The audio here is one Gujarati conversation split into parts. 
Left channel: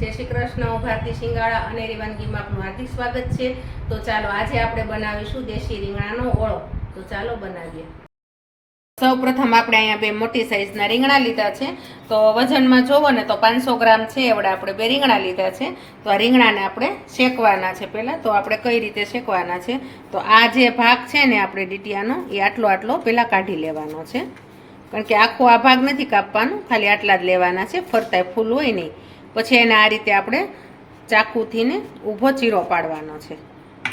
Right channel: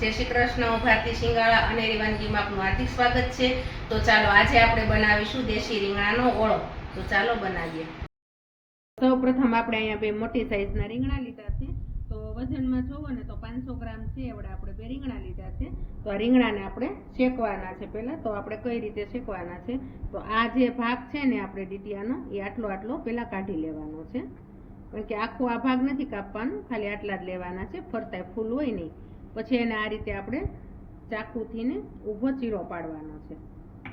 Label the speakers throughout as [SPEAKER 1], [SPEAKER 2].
[SPEAKER 1] જય શ્રી કૃષ્ણ ભારતી શિંગાળા અને વાનગીમાં આપનું હાર્દિક સ્વાગત છે. તો ચાલો આજે આપણે બનાવીશું દેશી રીંગણાનો ઓળો. તો ચાલો બનાવીએ. સૌ પ્રથમ આપણે અહીંયા બે મોટી સાઇઝના રીંગણા લીધા છે. તો વજનમાં જોવો ને તો પાંચસો ગ્રામ છે, એવડા આપણે બે રીંગણા લીધા છે. તો આ રીંગણાને આપણે શેકવાના છે પહેલાં. તો આપણે કઈ રીતે શેકવાના છે? તો આ જે ભાગ છે ને આપણે ડીટીયાનો, એ આટલો આટલો પહેલાં કાઢી લેવાનો છે. કારણ કે આખો આ ભાગ નથી કાપવાનો, ખાલી આટલા જ લેવાના છે ફરતા ફૂલ હોય નહીં. પછી એને આ રીતે આપણે ચાકુથી ને ઊભો ચીરો પાડવાનો છે.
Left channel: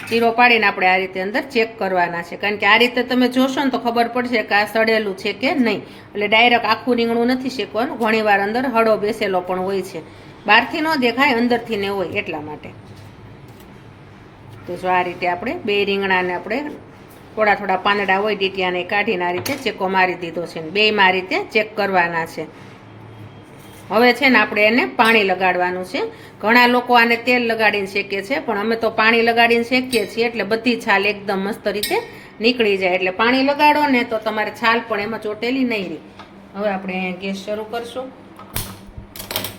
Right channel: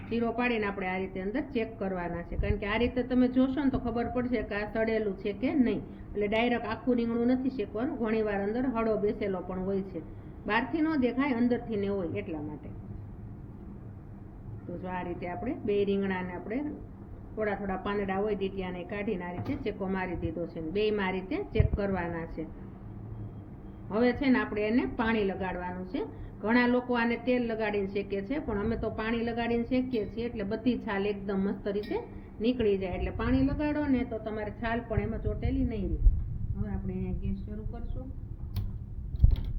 [SPEAKER 1] ચીરો પાડીને આપણે આ રીતે અંદર ચેક કરવાના છે. કારણ કે આ રીતે તમે જોશો ને તો ખબર પડશે કે આ સડેલું છે કે નહીં. એટલે ડાયરેક્ટ આખું રીંગણું નથી શેકવાનું. ઘણીવાર અંદર હળો બેસેલો પણ હોય છે. બહારથી ન દેખાય, અંદરથી ને હોય એટલા માટે. તો જો આ રીતે આપણે બે રીંગણાને આપણે થોડા થોડા પાંદડા હોય ડીટિયાને કાઢીને આ રીતે ચેકો મારી દીધો છે બેયમાં આ રીતે ચેક કરવાના છે. હવે છે ને આપણે એને પાણી લગાડવાનું છે. ઘણા લોકો આને તેલ લગાડીને શેકે છે, પણ અમે તો પાણી લગાડીને શેકીએ છીએ એટલે બધી છાલ એકદમ મસ્ત રીતે નીકળી જાય. એટલે પાણી લગાડો ને તો તમારે છાલ પણ એમાં ચોટેલી નહીં રહે. હવે આપણે અહીંયા ગેસ શરૂ કરશું.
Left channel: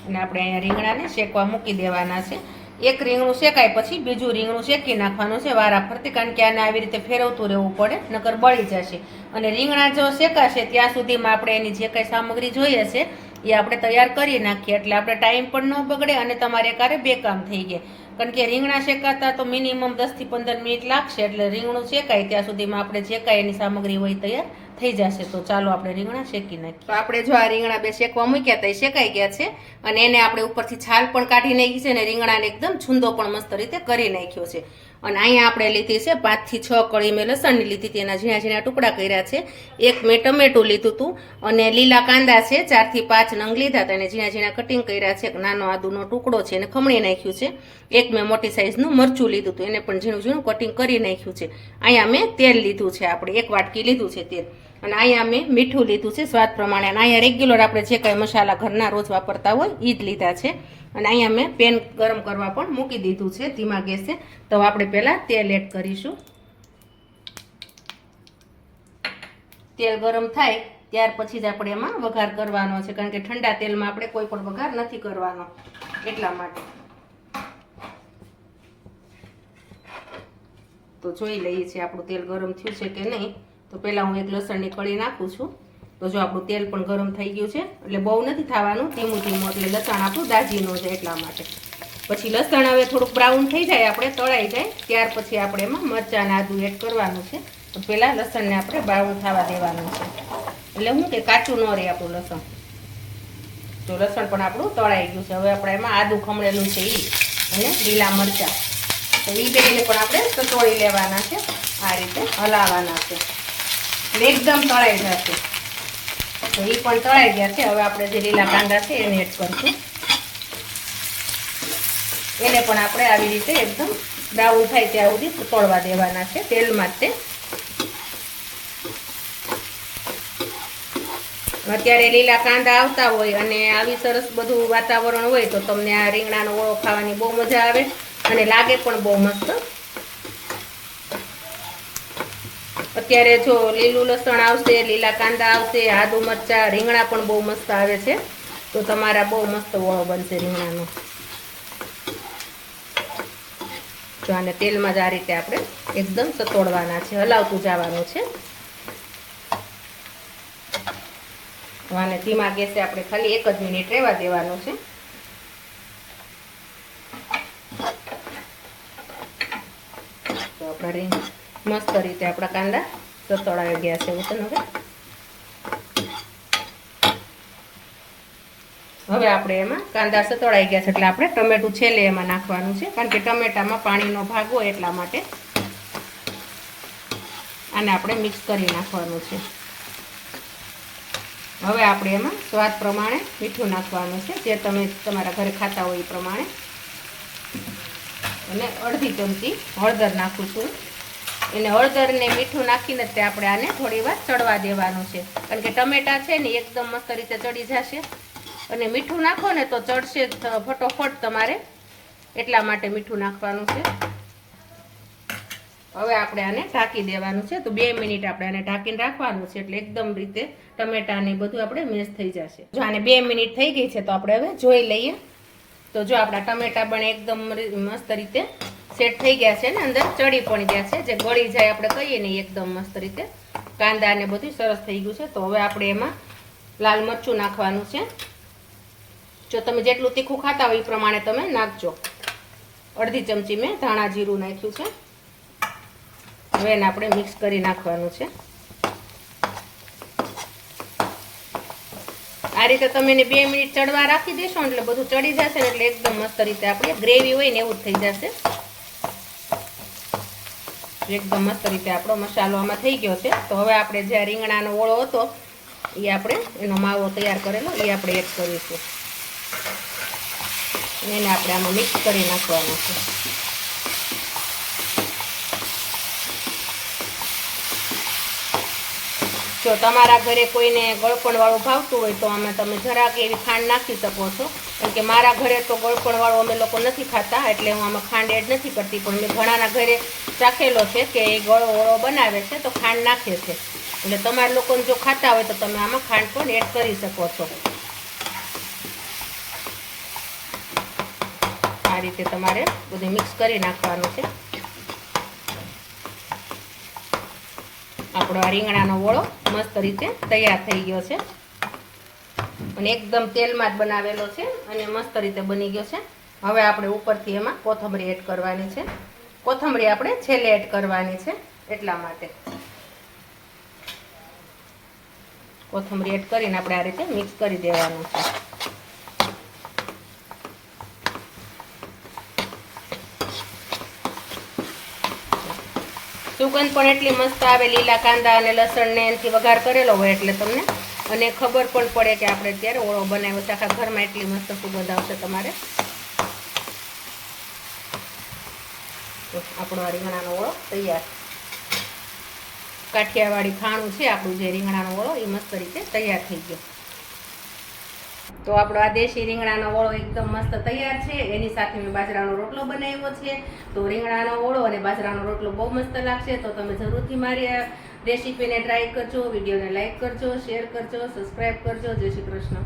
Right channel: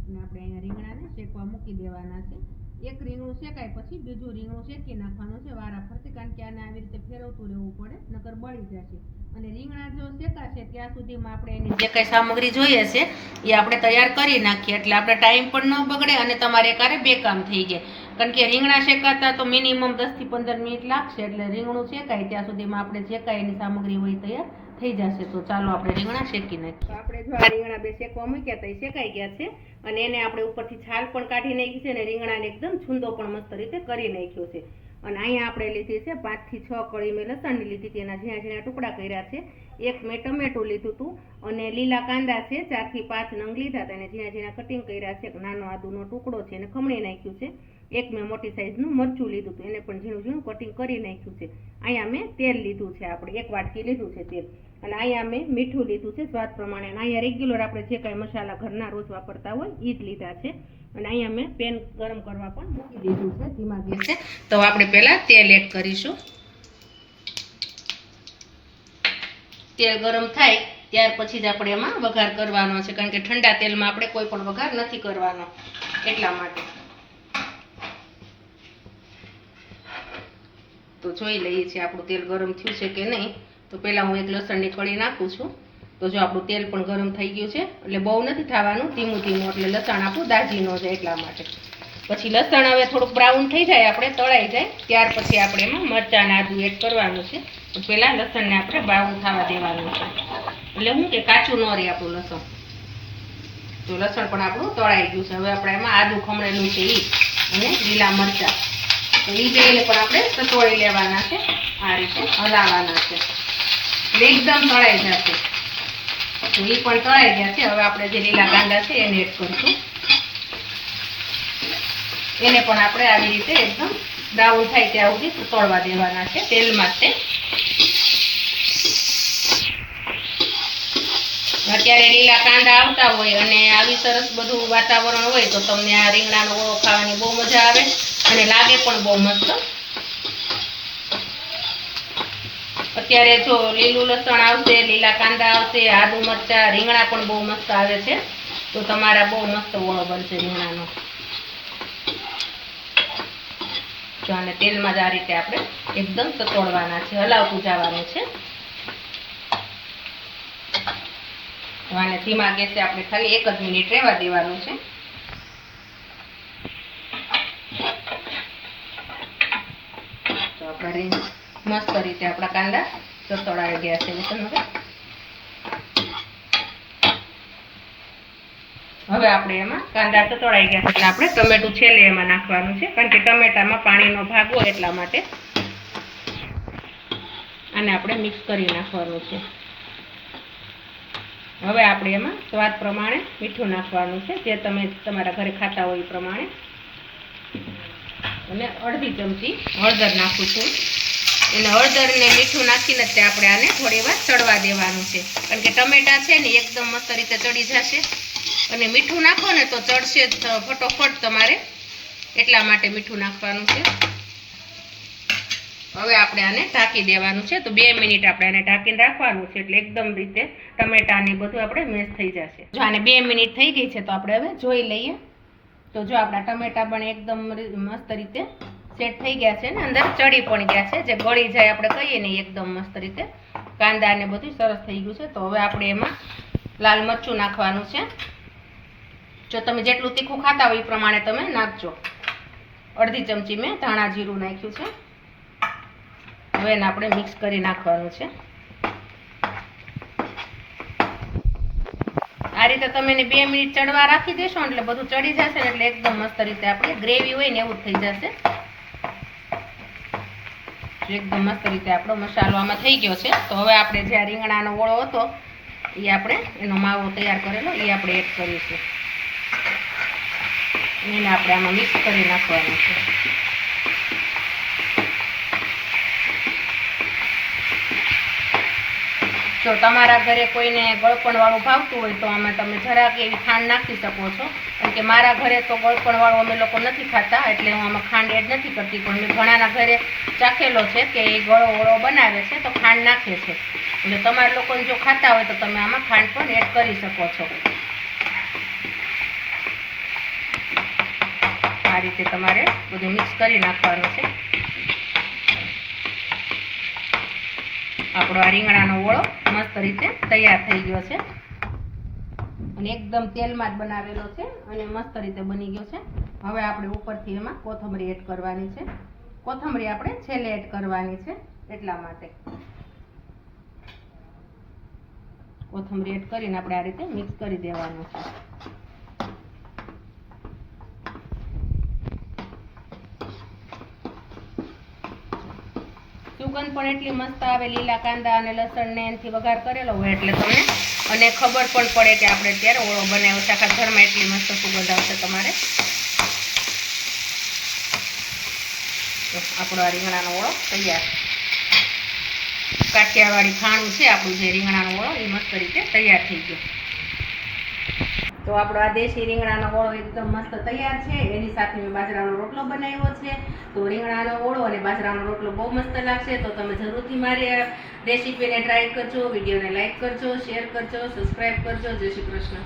[SPEAKER 1] અને આપણે અહીંયા રીંગણાને શેકવા મૂકી દેવાના છે. એક રીંગણું શેકાય પછી બીજું રીંગણું શેકી નાખવાનું છે વારા ફરતી, કારણ કે આને આવી રીતે ફેરવતું રહેવું પડે, નકર બળી જશે. અને રીંગણા જો શેકાશે, ત્યાં સુધીમાં આપણે એની જે કંઈ સામગ્રી જોઈએ છે, એ આપણે તૈયાર કરી નાખીએ. એટલે આપણે ટાઈમ પણ ન બગડે અને તમારે કારે બે કામ થઈ જાય કારણ કે રીંગણા શેકાતા તો મિનિમમ દસથી પંદર મિનિટ લાગશે, એટલે રીંગણું શેકાય, ત્યાં સુધીમાં આપણે જે એની સામગ્રી હોય તૈયાર થઈ જશે. તો ચાલો આપણે રીંગણા શેકી નાખીએ. તો આપણે જો આ રીંગણા બે શેકવા મૂક્યા હતા એ શેકાઈ ગયા છે અને એને આપણે ઉપરથી છાલ પણ કાઢી નાખી છે અને રીંગણાને એકદમ છૂંદો પણ મસ્ત રીતે કરી નાખ્યો છે. અને અહીંયા આપણે લીધી છે પાંચથી છ કળી મેં લસણની લીધી હતી. એના ઝીણા ઝીણા ટુકડા કર્યા છે. એક મેં ટમેટું લીધું હતું અને લીલા કાંદા છે. ચારથી પાંચ નંગ લીધા હતા. અને ઝીણા ઝીણા કટિંગ કર્યા છે. એક નાનો આદુનો ટુકડો છે. એને ખમણી નાખ્યું છે. એક મેં મોટી સાઇઝનું મરચું લીધું હતું. એને પણ ઝીણું ઝીણું કટિંગ કરી નાખ્યું છે. અહીંયા મેં તેલ લીધું છે. આપણે એક વાટકી લીધું છે તેલ. અને અહીંયા મેં મીઠું લીધું છે. સ્વાદ પ્રમાણે. અને અહીંયા રેગ્યુલર આપણે જે કાંઈ મસાલા ઘરના રોજ વાપરતા હોય એ જ લીધા છે. અને અહીંયા મેં પેન ગરમ કરવા પણ મૂકી દીધું છે, ધીમા ગેસે. તો આપણે પહેલાં તેલ એડ કરીશું. તેલ ગરમ થાય ત્યાર પછી જ આપણે એમાં વઘાર કરવાનો છે, કારણ કે ઠંડા તેલમાં આપણે કોઈ પણ વઘાર નથી કરવાનો એટલા માટે. તો જોઈ લઈએ છીએ આપણું તેલ ગરમ થયું છે કે નહીં. તો પહેલાં હું એક લસણની કળી નાખું છું. તો જો આપણું તેલ પણ ગરમ થઈ ગયું છે, એટલે બહુ નથી થવાનું, ધીમું ધીમું, એટલે લસણ આપણું દાજી ન જાય એટલા માટે. પછી લસણ હવે થોડુંક બ્રાઉન થઈ જાય, આપણે તળાઈ જાય, ત્યાર પછી આપણે એમાં મરચાં આદું એડ કરવાનું છે. પહેલાં લસણને આપણે બ્રાઉન થવા દેવાનું છે. એટલે હું કે કાચું ન રહે આપણું લસણ. જો લસણ પણ આપણું તળાઈ ગયું છે, હવે આપણે એમાં આદું ખમણેલું છે એ અને લીલા મરચાં. તો એ બેને પણ આપણે સતોડી લેવાના છે, આ રીતે હલાવવાના છે. એટલે એકદમ તળાઈ જશે. તો પણ તળાઈ ગયા છે. હવે આપણે જે લીલા કાંદા છે એને એડ કરીશું. એને પણ આપણે આવી રીતે એકદમ બ્રાઉન થાય ત્યાં સુધી તળવા દેવાના છે તેલમાં જ તે. અત્યારે લીલા કાંદા આવતા હોય અને આવી સરસ બધું વાતાવરણ હોય તો તમને આ રીંગણાનો ઓળો ખાવાની બહુ મજા આવે અને લાગે પણ બહુ મસ્ત. અત્યારે જો લીલું લસણ આવશે, લીલા કાંદા આવશે, આદુ મરચા, રીંગણા પણ બહુ મસ્ત આવે છે. તો તમારા બહુ મસ્ત ઓળો બનશે રીંગણાનો. જો આને તેલમાં જ આ રીતે આપણે એકદમ સતોડવાના છે, હલાવતું જવાનું છે. ધીમા ગેસે આપણે ખાલી એક જ મિનિટ રહેવા દેવાનું છે. આપણે મસ્ત રીતે આપણા કાંદા સતોડાઈ ગયા છે એવું હવે હવે આપણે એમાં કાંદા સતોડાઈ ગયા છે, એટલે આપણે ટમેટું છેલ્લે એમાં નાખવાનું છે, કારણ કે ટમેટામાં પાણીનો ભાગ હોય એટલા માટે. આને આપણે મિક્સ કરી નાખવાનું છે. હવે આપણે એમાં સ્વાદ પ્રમાણે મીઠું નાખવાનું છે, જે તમે તમારા ઘરે ખાતા હોય એ પ્રમાણે. અને અડધી ચમચી હળદર નાખું છું. એને હળદર ને મીઠું નાખીને જ આપણે આને થોડી વાર ચડવા દેવાનું છે. કારણ કે ટમેટા છે ને એકદમ મસ્ત રીતે ચડી જશે. અને મીઠું નાખો ને તો ચડશે ફટોફટ તમારે એટલા માટે મીઠું નાખવાનું છે. હવે આપણે આને ઢાંકી દેવાનું છે. તો બે મિનિટ આપણે આને ઢાંકીને રાખવાનું છે એટલે એકદમ રીતે ટમેટા ને બધું આપણે મેશ થઈ જશે. જો આને બે મિનિટ થઈ ગઈ છે તો આપણે હવે જોઈ લઈએ. તો જો આપણા ટમેટા પણ એકદમ મસ્ત રીતે સેટ થઈ ગયા છે ને અંદર, ચડી પણ ગયા છે. જે ગળી જાય આપણે કહીએ ને એકદમ મસ્ત રીતે. કાંદા ને બધું સરસ થઈ ગયું છે. તો હવે આપણે એમાં લાલ મરચું નાખવાનું છે. જો તમે જેટલું તીખું ખાતા હોય એ પ્રમાણે તમે નાખજો. અડધી ચમચી મેં ધાણા જીરું નાખ્યું છે. હવે એને આપણે મિક્સ કરી નાખવાનું છે. આ રીતે તમે એને બે મિનિટ ચડવા રાખી દેશો એટલે બધું ચડી જશે એટલે એકદમ મસ્ત રીતે આપણે ગ્રેવી હોય ને એવું થઈ જશે. એકદમ મસ્ત રીતે આપણો મસાલો આમાં થઈ ગયો છે. તો હવે આપણે જે રીંગણાનો ઓળો હતો, એ આપણે એનો માવો તૈયાર કરેલો, એ આપણે એડ કરીશું. એને આપણે આમાં મિક્સ કરી નાખવાનું છે. જો તમારા ઘરે કોઈને ગળપણવાળો ભાવતું હોય તો આમાં તમે જરાક એવી ખાંડ નાખી શકો છો. કેમ કે મારા ઘરે તો ગળપણવાળો અમે લોકો નથી ખાતા, એટલે હું આમાં ખાંડ એડ નથી કરતી. પણ મેં ઘણાના ઘરે ચાખેલો છે કે એ ગળો ઓળો બનાવે છે તો ખાંડ નાખે છે. એટલે તમારા લોકો જો ખાતા હોય તો તમે આમાં ખાંડ પણ એડ કરી શકો છો. આ રીતે તમારે બધું મિક્સ કરી નાખવાનું છે. આપણો આ રીંગણાનો ઓળો મસ્ત રીતે તૈયાર થઈ ગયો છે. અને એકદમ તેલમાં જ બનાવેલો છે અને મસ્ત રીતે બની ગયો છે. હવે આપણે ઉપરથી એમાં કોથમરી એડ કરવાની છે. કોથમરી આપણે છેલ્લે એડ કરવાની છે એટલા માટે. કોથમરી એડ કરીને આપણે આ રીતે મિક્સ કરી દેવાનું છે. સુગંધ પણ એટલી મસ્ત આવે, લીલા કાંદા અને લસણ ને એનાથી વઘાર કરેલો હોય એટલે તમને અને ખબર પણ પડે કે આપણે અત્યારે ઓળો બનાવ્યો છે. આખા ઘરમાં એટલી મસ્ત સુગંધ આવશે તમારે. આપણો આ રીંગણાનો ઓળો તૈયાર. કાઠિયાવાડી ખાણું છે આપણું જે રીંગણાનો ઓળો, એ મસ્ત રીતે તૈયાર થઈ ગયો. તો આપણો આ દેશી રીંગણાનો ઓળો એકદમ મસ્ત તૈયાર છે. એની સાથે મેં બાજરાનો રોટલો બનાવ્યો છે. તો રીંગણાનો ઓળો અને બાજરાનો રોટલો બહુ મસ્ત લાગશે. તો તમે જરૂરથી મારી રેસીપીને ટ્રાય કરજો, વિડીયોને લાઇક કરજો શેર કરજો સબસ્ક્રાઈબ કરજો. જય શ્રી કૃષ્ણ.